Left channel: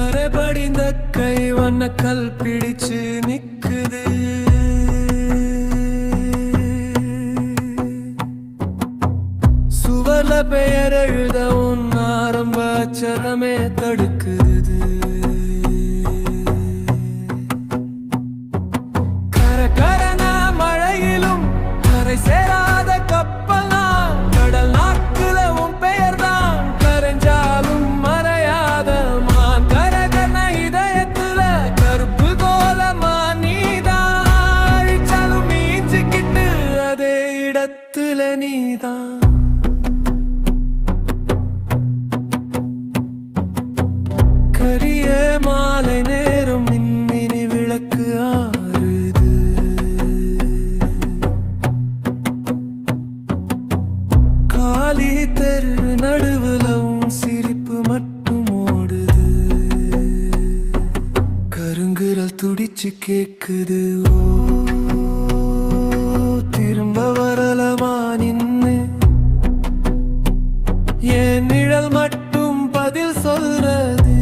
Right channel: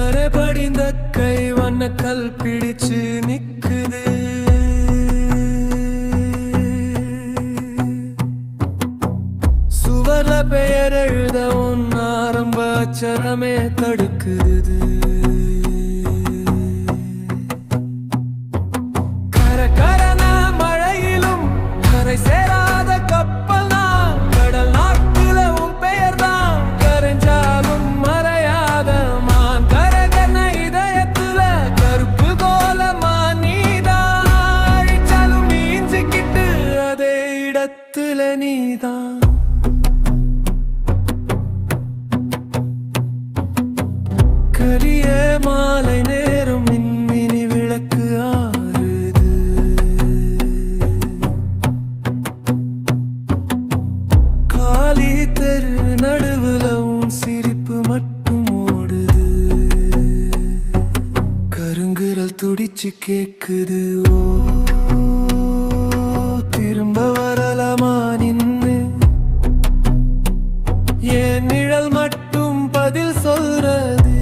கரை படிந்த கை வண்ண கல் பிடிச்சு நிக்குது. சுவர்ல பெயர் எழுத உன் ஆரம்ப அச்சரமே தடுக்குது. கரகரன மழையிலும் கரை சேராத கப்பல் தான். கடல் நாக்குல உன் பெயர் தான் கரைஞ்சாலும் மறையாத மான். கரகன இதயத்துல கருப்பு கோலமா நீதான். அழிச்சாலும் மீஞ்சிக்கிட்டு அதே இடத்துல நீதான். கரிய மாலை நேரம் மின்மினி விளக்கு ஆறுது. காலி தெரு நடுவுல உன் சிரிப்பு மட்டும் ஓடுது. கருங்குரல் துடிச்சு கேக்குது. ஓ திரும்ப வரலமா நின்னு என் நிழல் மட்டும் பதில் சொல்றது.